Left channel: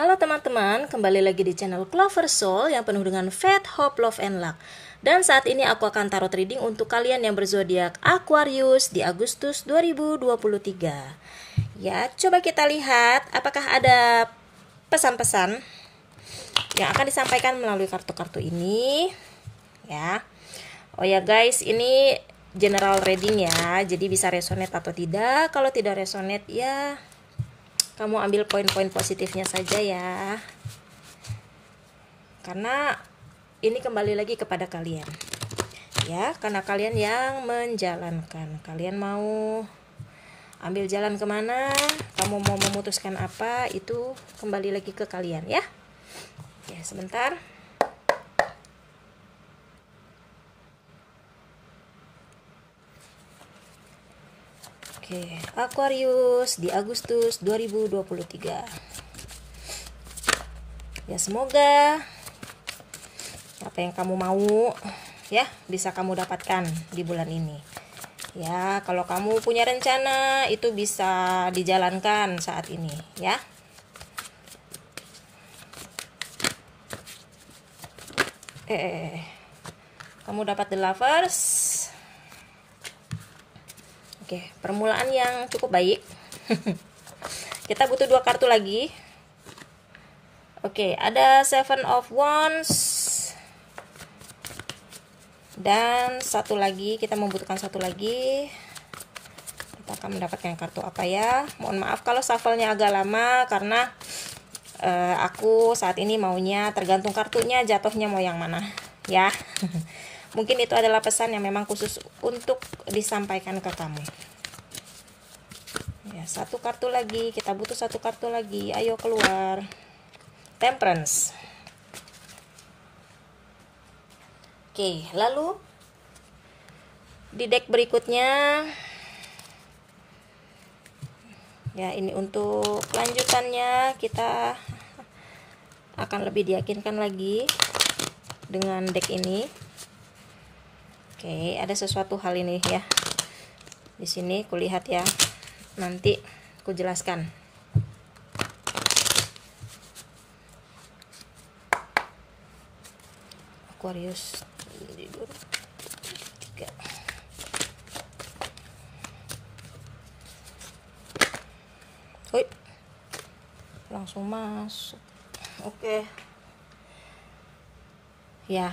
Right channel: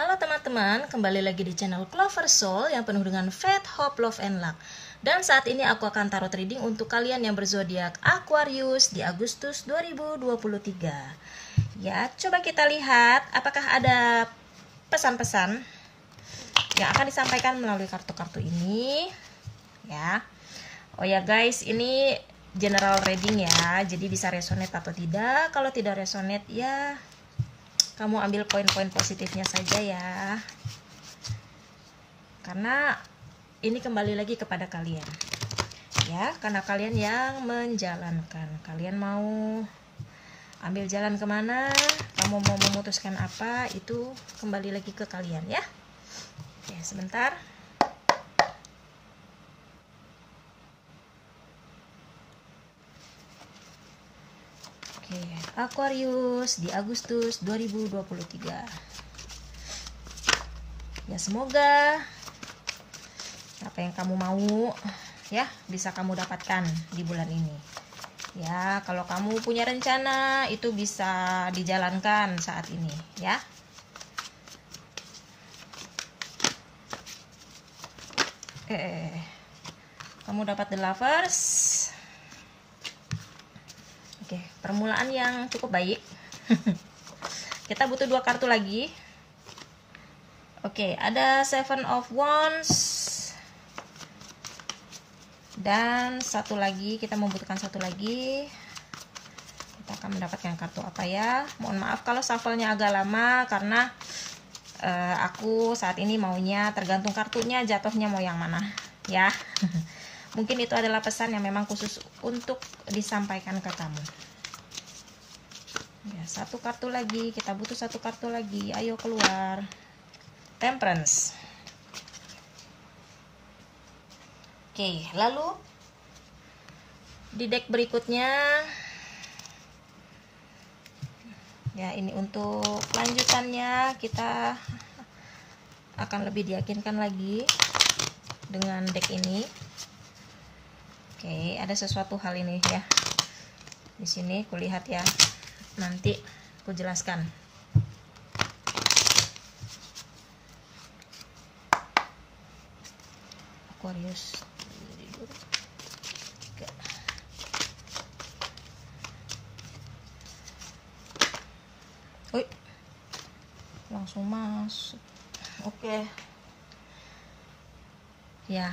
Halo teman-teman, kembali lagi di channel Clover Soul yang penuh dengan faith, hope, love, and luck. Dan saat ini aku akan tarot reading untuk kalian yang berzodiak Aquarius di Agustus 2023. Ya, coba kita lihat apakah ada pesan-pesan yang akan disampaikan melalui kartu-kartu ini. Ya, oh ya guys, ini general reading ya, jadi bisa resonate atau tidak. Kalau tidak resonate ya kamu ambil poin-poin positifnya saja ya, karena ini kembali lagi kepada kalian ya, karena kalian yang menjalankan. Kalian mau ambil jalan kemana, kamu mau memutuskan apa, itu kembali lagi ke kalian ya. Ya, sebentar. Oke, Aquarius di Agustus 2023. Ya, semoga apa yang kamu mau ya bisa kamu dapatkan di bulan ini. Ya, kalau kamu punya rencana itu bisa dijalankan saat ini ya. Kamu dapat the lovers. Oke, permulaan yang cukup baik. Kita butuh 2 kartu lagi. Oke, ada 7 of Wands. Dan satu lagi, kita membutuhkan satu lagi. Kita akan mendapatkan kartu apa ya? Mohon maaf kalau shuffle-nya agak lama, karena aku saat ini maunya tergantung kartunya jatuhnya mau yang mana ya. Mungkin itu adalah pesan yang memang khusus untuk disampaikan ke kamu. Ya, satu kartu lagi, kita butuh satu kartu lagi. Ayo keluar. Temperance. Oke, lalu di deck berikutnya ya, ini untuk lanjutannya kita akan lebih diyakinkan lagi dengan deck ini. Oke, ada sesuatu hal ini ya. Di sini kulihat ya. Nanti aku jelaskan. Aquarius 2023. Woi. Langsung masuk. Oke. Ya.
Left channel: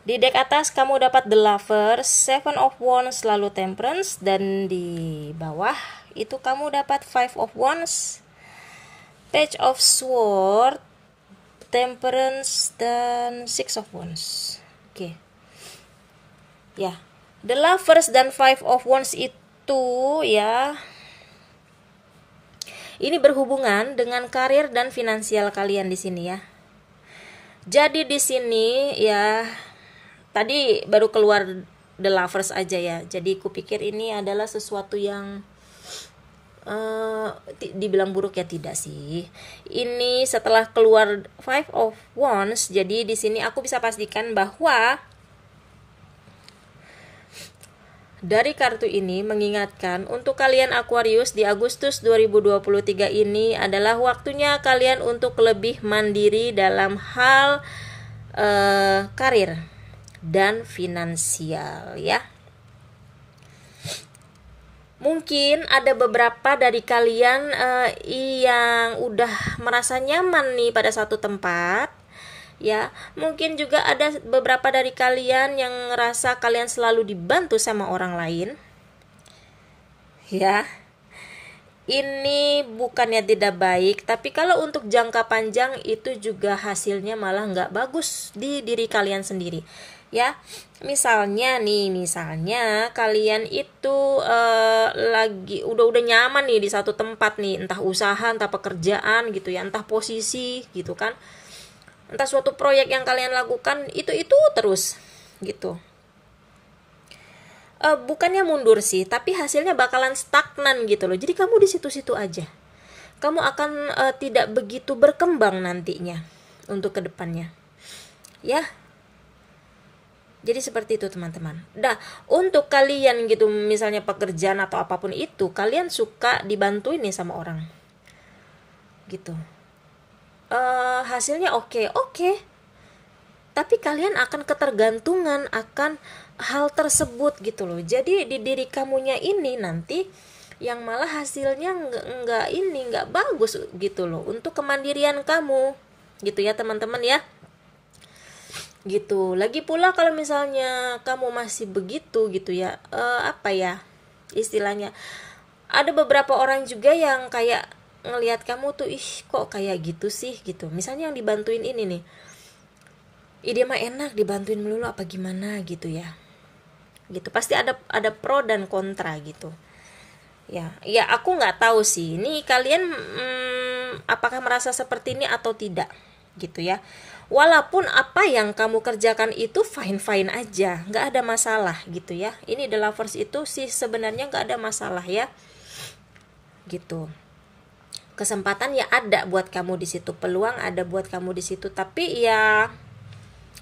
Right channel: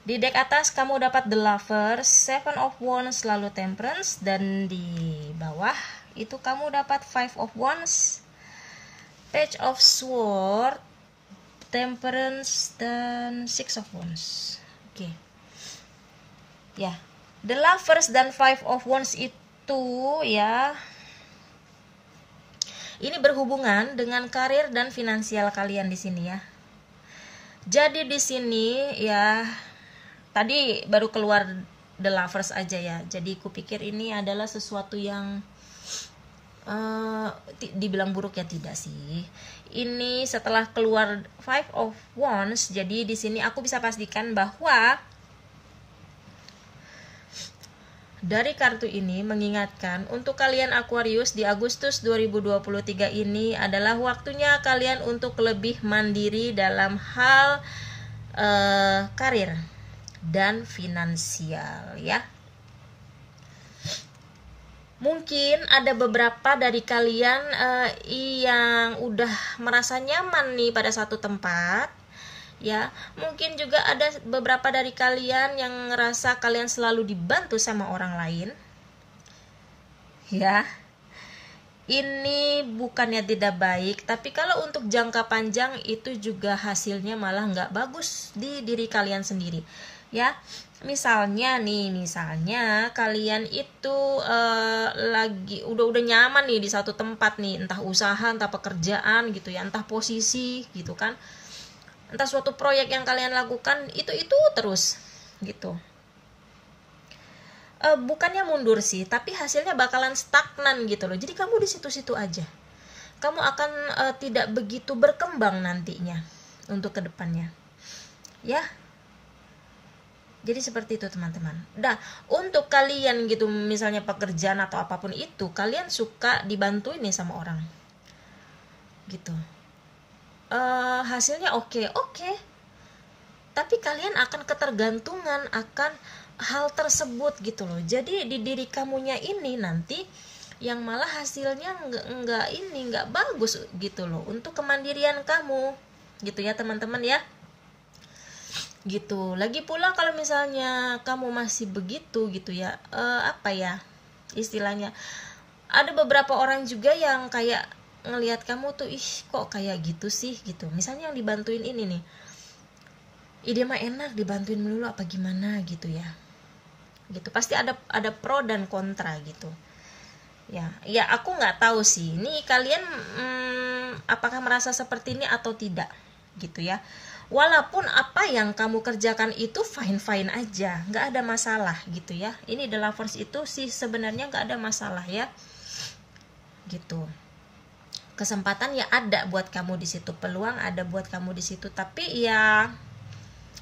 Di deck atas kamu dapat the lovers, 7 of Wands, lalu temperance, dan di bawah itu kamu dapat 5 of Wands, page of sword, temperance, dan 6 of Wands. Oke. Ya, the lovers dan 5 of Wands itu ya, ini berhubungan dengan karir dan finansial kalian di sini ya. Jadi di sini ya, tadi baru keluar the lovers aja ya. Jadi kupikir ini adalah sesuatu yang dibilang buruk ya, tidak sih. Ini setelah keluar 5 of Wands, jadi di sini aku bisa pastikan bahwa dari kartu ini mengingatkan untuk kalian Aquarius di Agustus 2023 ini adalah waktunya kalian untuk lebih mandiri dalam hal karir dan finansial ya. Mungkin ada beberapa dari kalian yang udah merasa nyaman nih pada satu tempat ya. Mungkin juga ada beberapa dari kalian yang ngerasa kalian selalu dibantu sama orang lain ya. Ini bukannya tidak baik, tapi kalau untuk jangka panjang itu juga hasilnya malah nggak bagus di diri kalian sendiri ya. Misalnya kalian itu lagi udah nyaman nih di satu tempat nih, entah usaha, entah pekerjaan gitu ya, entah posisi gitu kan, entah suatu proyek yang kalian lakukan itu terus gitu. Bukannya mundur sih, tapi hasilnya bakalan stagnan gitu loh. Jadi kamu di situ-situ aja. Kamu akan tidak begitu berkembang nantinya untuk kedepannya. Ya. Jadi seperti itu teman-teman. Nah, untuk kalian gitu misalnya pekerjaan atau apapun itu, kalian suka dibantuin nih sama orang. gitu. Hasilnya oke, tapi kalian akan ketergantungan akan hal tersebut gitu loh. Jadi di diri kamunya ini nanti yang malah hasilnya nggak bagus gitu loh untuk kemandirian kamu gitu ya teman-teman ya. Gitu. Lagi pula kalau misalnya kamu masih begitu gitu ya, apa ya istilahnya, ada beberapa orang juga yang kayak ngelihat kamu tuh, ih kok kayak gitu sih gitu. Misalnya yang dibantuin ini nih, dia mah enak dibantuin melulu apa gimana gitu ya. Gitu. Pasti ada pro dan kontra gitu. Ya aku nggak tahu sih. Ini kalian apakah merasa seperti ini atau tidak gitu ya. Walaupun apa yang kamu kerjakan itu fine aja, nggak ada masalah gitu ya. Ini The Lovers itu sih sebenarnya nggak ada masalah ya, gitu. Kesempatan ya ada buat kamu di situ, peluang ada buat kamu di situ, tapi ya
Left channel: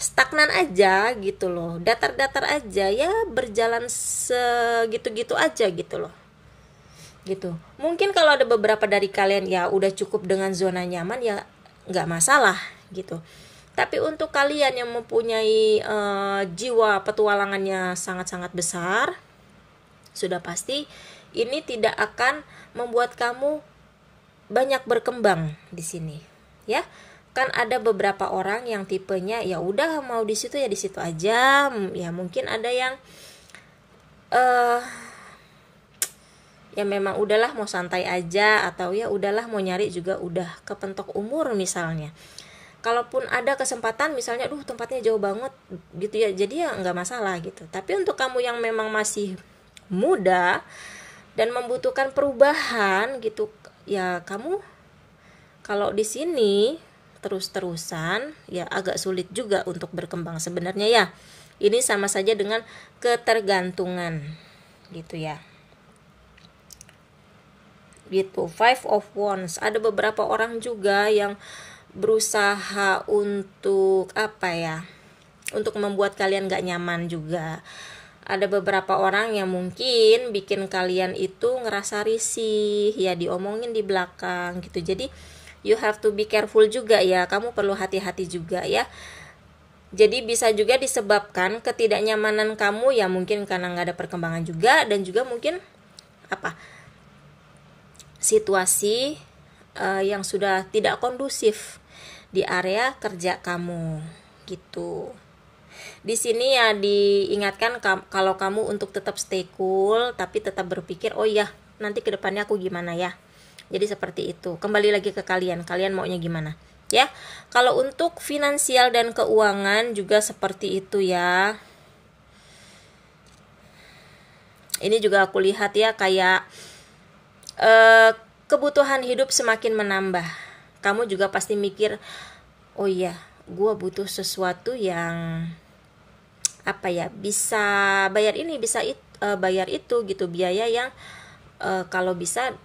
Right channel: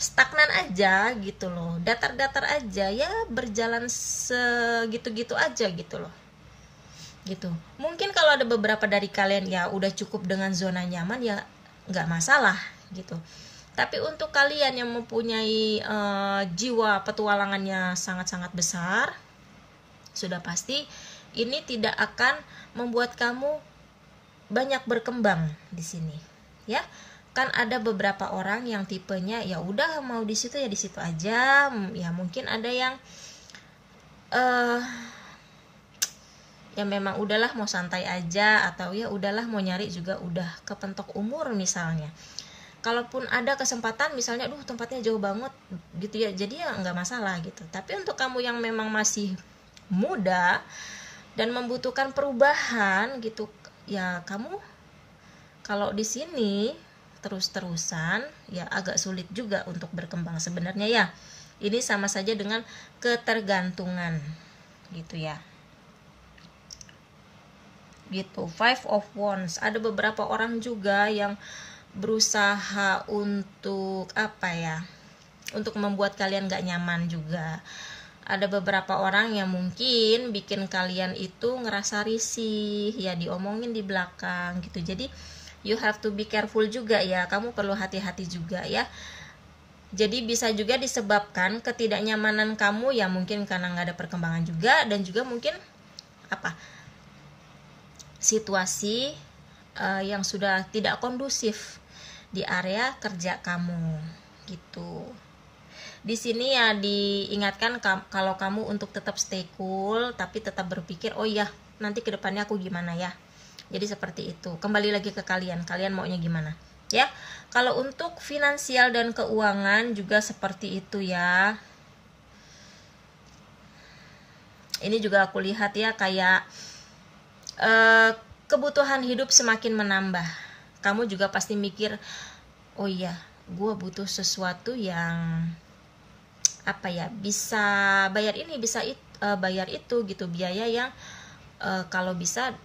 stagnan aja gitu loh, datar-datar aja ya, berjalan segitu-gitu aja gitu loh, gitu. Mungkin kalau ada beberapa dari kalian ya udah cukup dengan zona nyaman ya nggak masalah gitu. Tapi untuk kalian yang mempunyai jiwa petualangannya sangat-sangat besar, sudah pasti ini tidak akan membuat kamu banyak berkembang di sini, ya. Kan ada beberapa orang yang tipenya ya udah mau di situ ya di situ aja, ya mungkin ada yang ya memang udahlah mau santai aja, atau ya udahlah mau nyari juga udah kepentok umur misalnya. Kalaupun ada kesempatan misalnya tempatnya jauh banget gitu ya, jadi ya nggak masalah gitu. Tapi untuk kamu yang memang masih muda dan membutuhkan perubahan gitu ya, kamu kalau di sini terus-terusan ya agak sulit juga untuk berkembang sebenarnya ya. Ini sama saja dengan ketergantungan gitu ya. Gitu. Five of Wands. Ada beberapa orang juga yang berusaha untuk untuk membuat kalian gak nyaman juga. Ada beberapa orang yang mungkin bikin kalian itu ngerasa risih ya, diomongin di belakang gitu. Jadi you have to be careful juga ya, kamu perlu hati-hati juga ya. Jadi bisa juga disebabkan ketidaknyamanan kamu ya, mungkin karena gak ada perkembangan juga, dan juga mungkin situasi yang sudah tidak kondusif di area kerja kamu gitu. Di sini ya diingatkan kalau kamu untuk tetap stay cool, tapi tetap berpikir oh iya nanti kedepannya aku gimana ya. Jadi seperti itu. Kembali lagi ke kalian maunya gimana ya. Kalau untuk finansial dan keuangan juga seperti itu ya. Ini juga aku lihat ya, kayak kebutuhan hidup semakin menambah. Kamu juga pasti mikir, oh iya, gue butuh sesuatu yang bisa bayar ini, bisa bayar itu gitu, biaya yang kalau bisa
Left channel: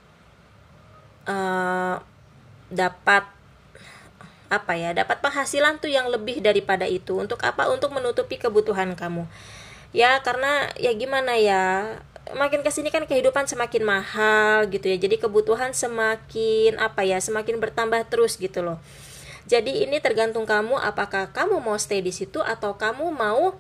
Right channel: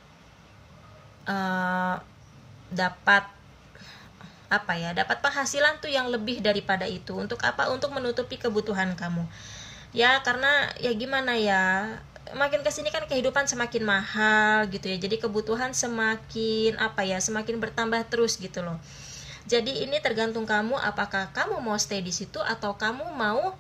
dapat dapat penghasilan tuh yang lebih daripada itu. Untuk untuk menutupi kebutuhan kamu ya, karena ya gimana ya, makin kesini kan kehidupan semakin mahal gitu ya, jadi kebutuhan semakin semakin bertambah terus gitu loh. Jadi ini tergantung kamu, apakah kamu mau stay di situ atau kamu mau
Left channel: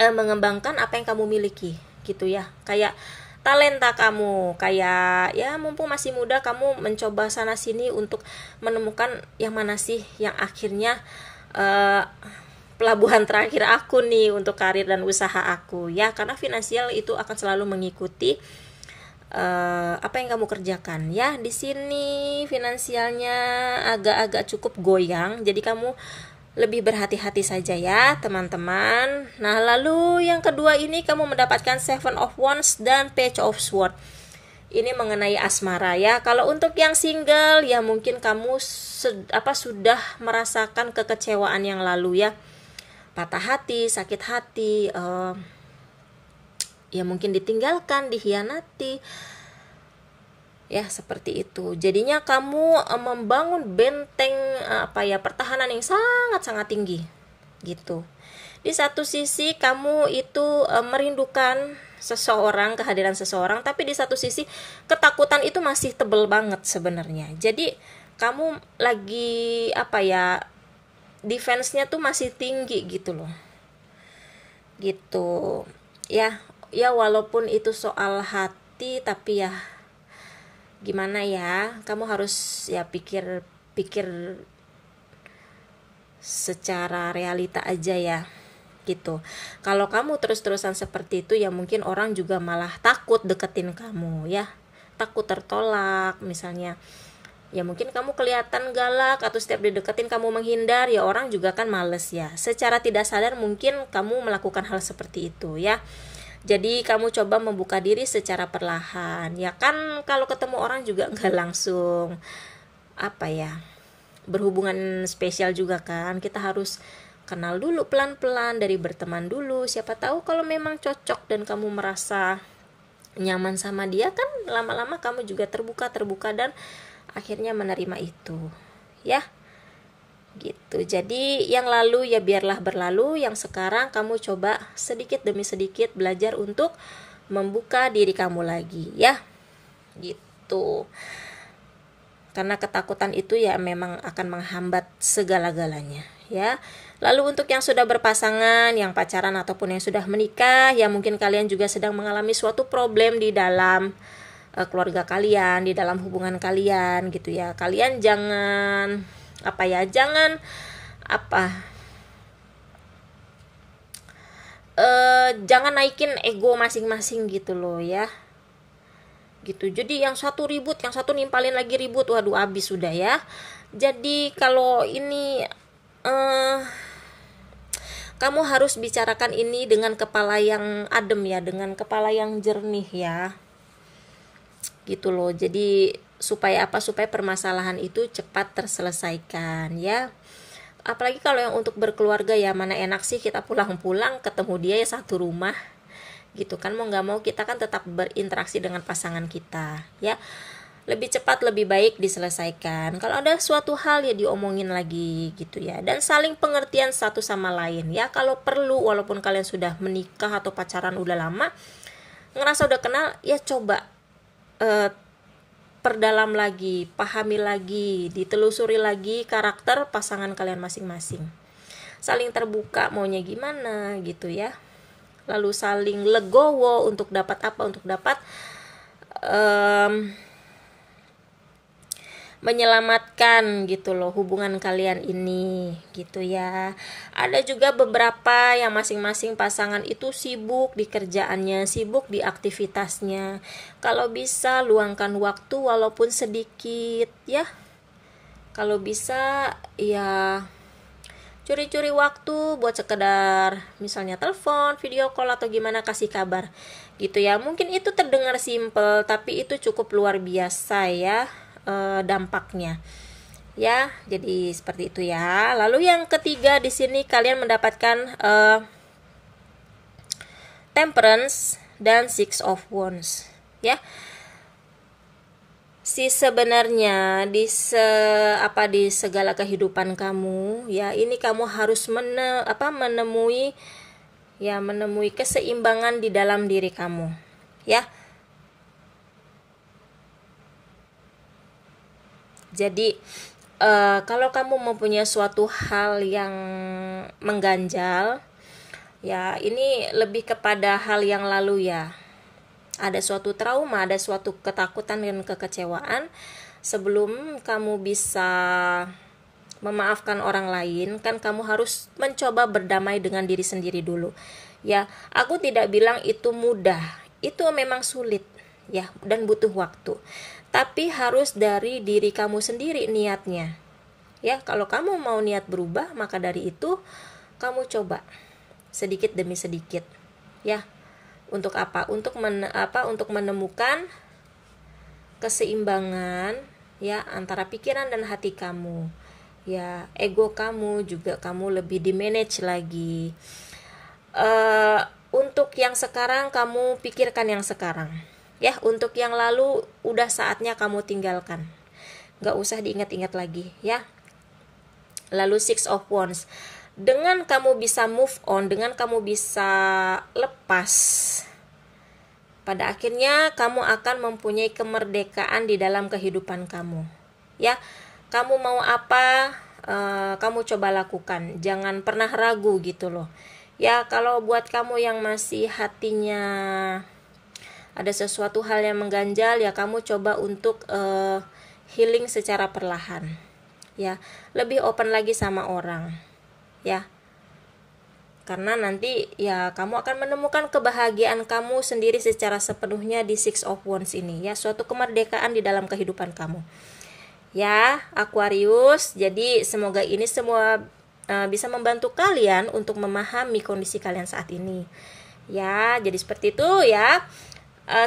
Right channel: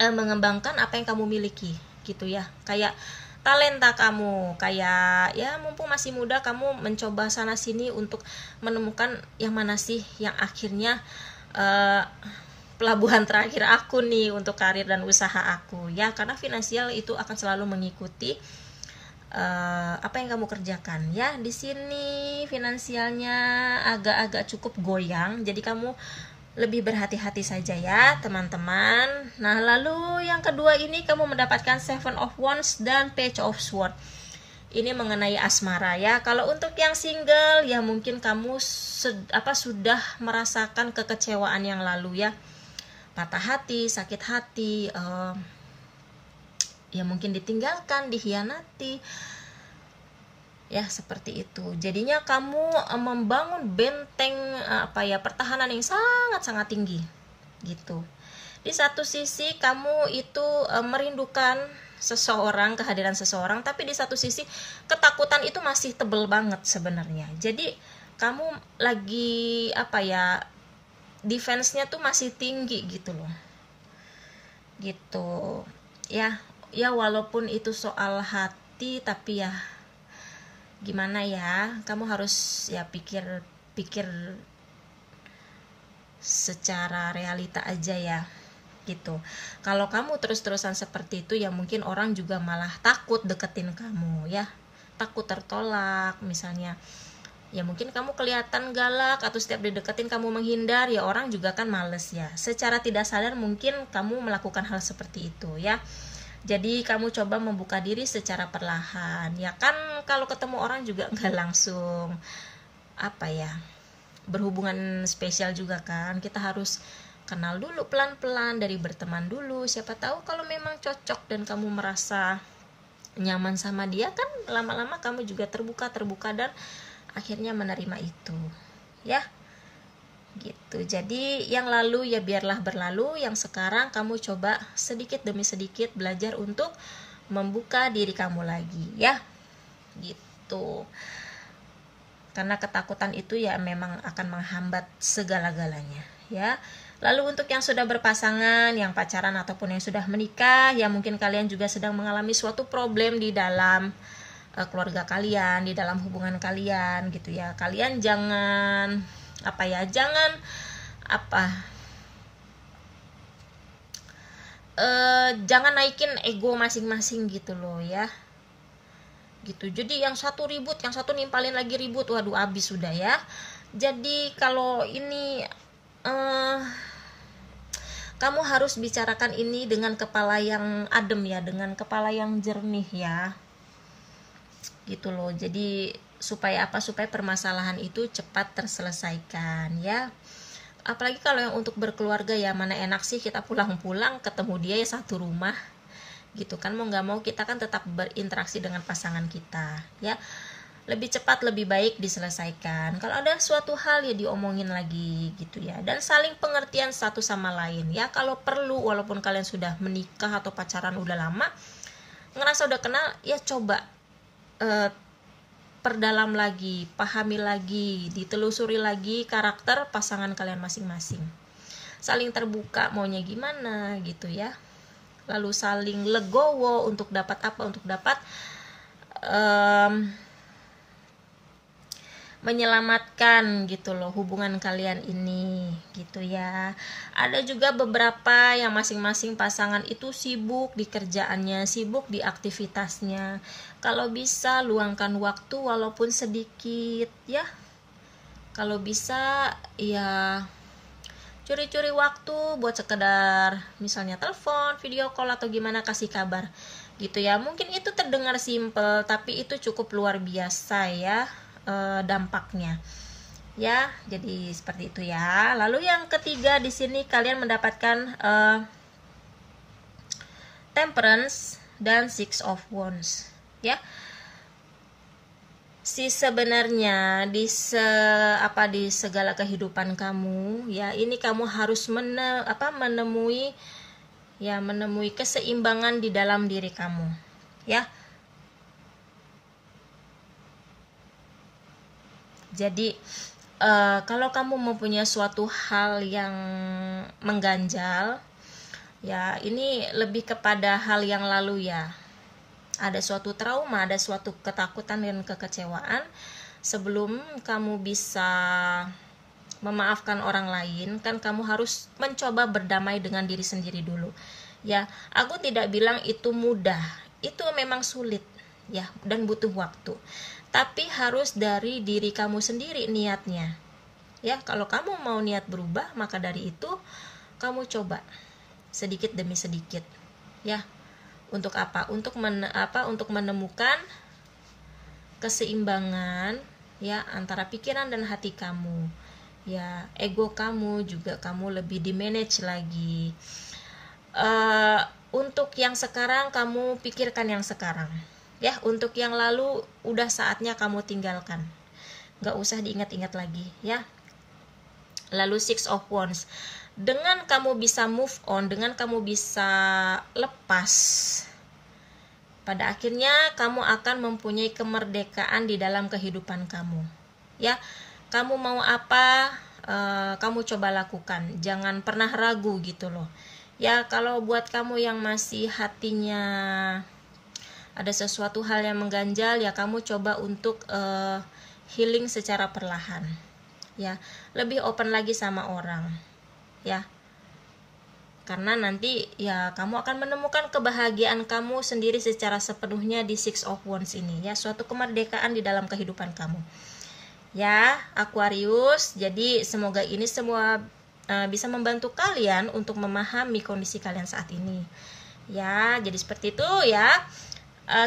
mengembangkan apa yang kamu miliki gitu ya. Kayak talenta kamu, kayak ya mumpung masih muda kamu mencoba sana sini untuk menemukan yang mana sih yang akhirnya pelabuhan terakhir aku nih untuk karir dan usaha aku ya. Karena finansial itu akan selalu mengikuti apa yang kamu kerjakan ya. Di sini finansialnya agak-agak cukup goyang, jadi kamu lebih berhati-hati saja ya teman-teman. Nah lalu yang kedua ini kamu mendapatkan Seven of Wands dan Page of Swords. Ini mengenai asmara ya. Kalau untuk yang single ya mungkin kamu sudah merasakan kekecewaan yang lalu ya, patah hati, sakit hati, ya mungkin ditinggalkan, dikhianati ya, seperti itu. Jadinya kamu membangun benteng pertahanan yang sangat-sangat tinggi gitu. Di satu sisi kamu itu merindukan seseorang, kehadiran seseorang, tapi di satu sisi ketakutan itu masih tebel banget sebenarnya. Jadi kamu lagi apa ya, defense-nya tuh masih tinggi gitu loh, gitu ya. Ya walaupun itu soal hati, tapi ya gimana ya, kamu harus ya pikir secara realita aja ya, gitu. Kalau kamu terus-terusan seperti itu, ya mungkin orang juga malah takut deketin kamu ya, takut tertolak misalnya. Ya mungkin kamu kelihatan galak atau setiap dideketin kamu menghindar, ya orang juga kan males ya. Secara tidak sadar mungkin kamu melakukan hal seperti itu ya. Jadi kamu coba membuka diri secara perlahan. Ya kan kalau ketemu orang juga nggak langsung apa ya, berhubungan spesial juga kan. Kita harus kenal dulu pelan-pelan, dari berteman dulu. Siapa tahu kalau memang cocok dan kamu merasa nyaman sama dia, kan lama-lama kamu juga terbuka dan akhirnya menerima itu ya, gitu. Jadi yang lalu ya biarlah berlalu, yang sekarang kamu coba sedikit demi sedikit belajar untuk membuka diri kamu lagi ya, gitu. Karena ketakutan itu ya memang akan menghambat segala-galanya ya. Lalu untuk yang sudah berpasangan, yang pacaran ataupun yang sudah menikah, ya mungkin kalian juga sedang mengalami suatu problem di dalam keluarga kalian, di dalam hubungan kalian gitu ya. Kalian jangan jangan naikin ego masing-masing gitu loh ya, gitu. Jadi yang satu ribut, yang satu nimpalin lagi ribut, waduh abis sudah ya. Jadi kalau ini kamu harus bicarakan ini dengan kepala yang adem ya, dengan kepala yang jernih ya, gitu loh. Jadi supaya permasalahan itu cepat terselesaikan ya. Apalagi kalau yang untuk berkeluarga, ya mana enak sih kita pulang-pulang ketemu dia ya satu rumah gitu kan. Mau nggak mau kita kan tetap berinteraksi dengan pasangan kita ya. Lebih cepat lebih baik diselesaikan. Kalau ada suatu hal ya diomongin lagi gitu ya, dan saling pengertian satu sama lain ya. Kalau perlu, walaupun kalian sudah menikah atau pacaran udah lama, ngerasa udah kenal, ya coba perdalam lagi, pahami lagi, ditelusuri lagi karakter pasangan kalian masing-masing. Saling terbuka maunya gimana gitu ya. Lalu saling legowo untuk dapat apa, untuk dapat menyelamatkan gitu loh hubungan kalian ini gitu ya. Ada juga beberapa yang masing-masing pasangan itu sibuk di kerjaannya, sibuk di aktivitasnya. Kalau bisa luangkan waktu walaupun sedikit ya. Kalau bisa ya curi-curi waktu buat sekedar misalnya telepon, video call atau gimana, kasih kabar gitu ya. Mungkin itu terdengar simple, tapi itu cukup luar biasa ya dampaknya ya. Jadi seperti itu ya. Lalu yang ketiga di sini kalian mendapatkan Temperance dan Six of Wands ya. Sebenarnya di segala kehidupan kamu ya, ini kamu harus menemui keseimbangan di dalam diri kamu ya. Jadi kalau kamu mempunyai suatu hal yang mengganjal ya, ini lebih kepada hal yang lalu ya. Ada suatu trauma, ada suatu ketakutan dan kekecewaan. Sebelum kamu bisa memaafkan orang lain, kan kamu harus mencoba berdamai dengan diri sendiri dulu ya. Aku tidak bilang itu mudah, itu memang sulit ya, dan butuh waktu. Tapi harus dari diri kamu sendiri niatnya ya. Kalau kamu mau niat berubah, maka dari itu kamu coba sedikit demi sedikit ya. Untuk apa? Untuk menemukan keseimbangan ya antara pikiran dan hati kamu ya. Ego kamu juga kamu lebih di manage lagi. Untuk yang sekarang kamu pikirkan yang sekarang ya. Untuk yang lalu udah saatnya kamu tinggalkan, gak usah diingat-ingat lagi ya. Lalu Six of Wands, dengan kamu bisa move on, dengan kamu bisa lepas, pada akhirnya kamu akan mempunyai kemerdekaan di dalam kehidupan kamu ya. kamu mau apa, kamu coba lakukan, jangan pernah ragu gitu loh. Ya, kalau buat kamu yang masih hatinya ada sesuatu hal yang mengganjal, ya kamu coba untuk healing secara perlahan. Ya, lebih open lagi sama orang. Ya. Karena nanti ya kamu akan menemukan kebahagiaan kamu sendiri secara sepenuhnya di Six of Wands ini ya, suatu kemerdekaan di dalam kehidupan kamu. Ya, Aquarius, jadi semoga ini semua bisa membantu kalian untuk memahami kondisi kalian saat ini. Ya, jadi seperti itu ya.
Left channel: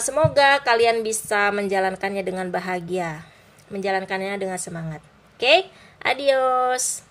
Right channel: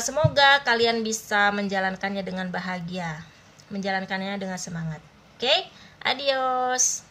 Semoga kalian bisa menjalankannya dengan bahagia, menjalankannya dengan semangat. Oke, adios.